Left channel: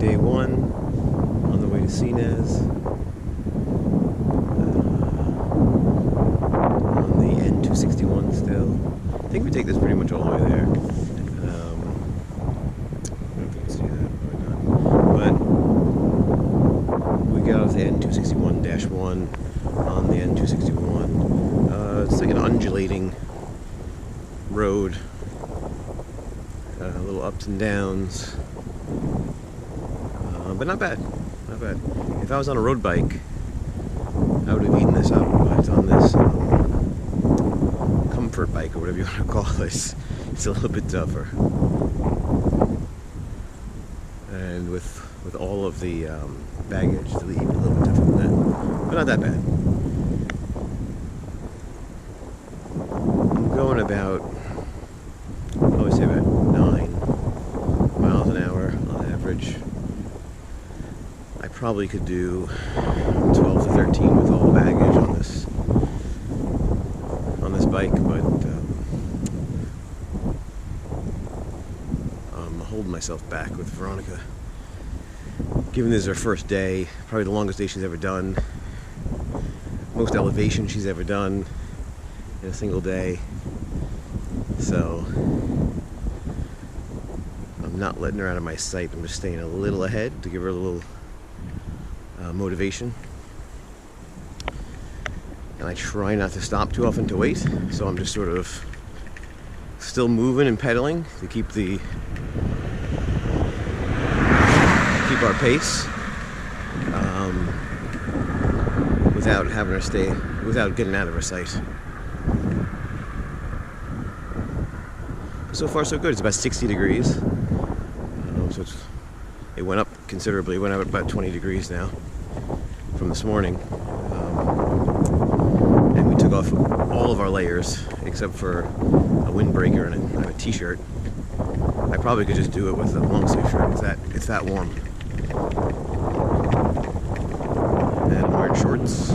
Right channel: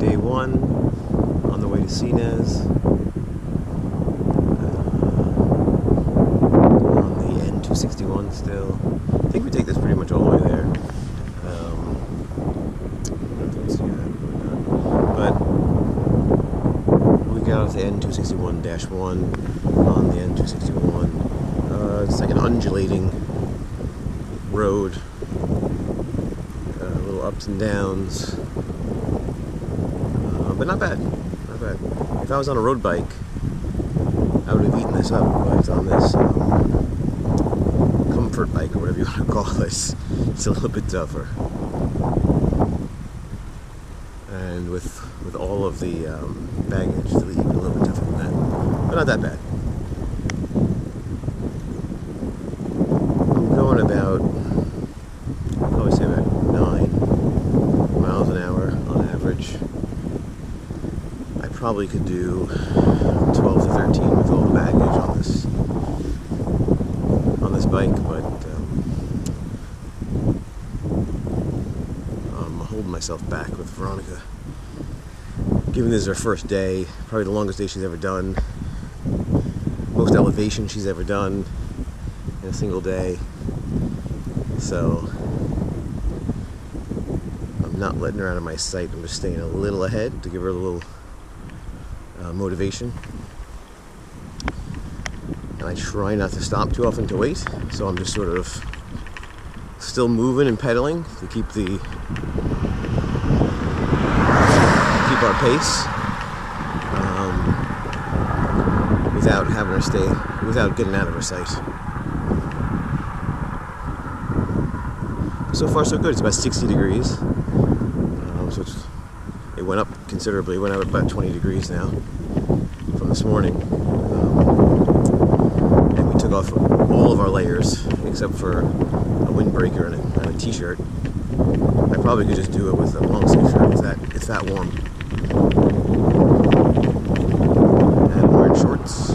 Day 1 on the way to Sines. On the N261 still. I think we take this pretty much all the way there. I don't know if you can see that, probably not. But we got off the N261-1 on the N261. It's like an undulating road. Little ups and downs. But not bad. Not bad. If I was on a road bike, I would have eaten this up, but on this comfort bike, or whatever you want to call this, it's a little bit tougher. And with all of the baggage, it's even a little bit tougher than that. But not that bad. I'm going about, I would say about 9 miles an hour on average. I probably could do 12 to 13 with all the baggage on this bike, but I'm holding myself back with Veronica. Given this is her first day, probably the longest day she's ever done, most elevation she's ever done in a single day. So I'm not letting her out of my sight. I'm just staying a little ahead to give her a little motivation. And I try not to stop too often to wait, so I'm just sort of still moving and pedaling to keep our pace, without having her stay, without getting out of her sight. So far so good. It's about 60 degrees, so it went up considerably. It went up about 20 degrees now from this morning. And we took off all of our layers except for a windbreaker and I have a t-shirt. I probably could just do it with a long sleeve shirt. It's that warm. And I'm wearing shorts.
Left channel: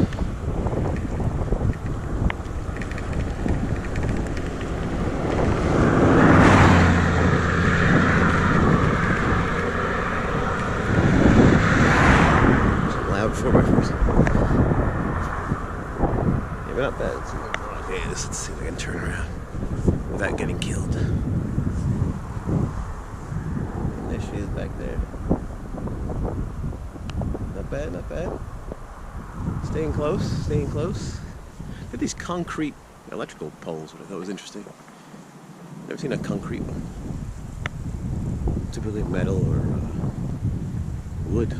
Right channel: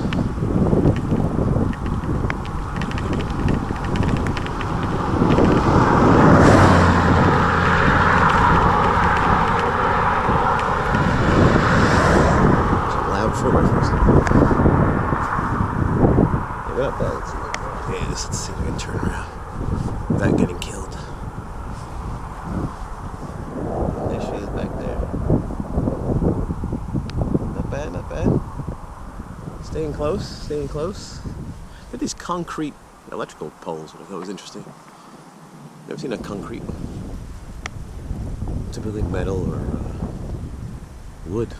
Maybe not bad. Okay, let's see if I can turn around without getting killed. There she is back there. Not bad, not bad. Staying close, staying close. Look at these concrete electrical poles, which I thought was interesting. Never seen a concrete one. Typically metal or wood.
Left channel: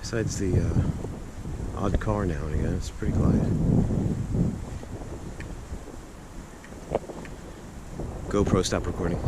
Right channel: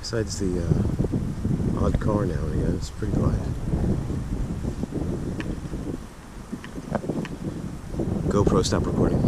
Besides the odd car now and again, it's pretty quiet. GoPro, stop recording.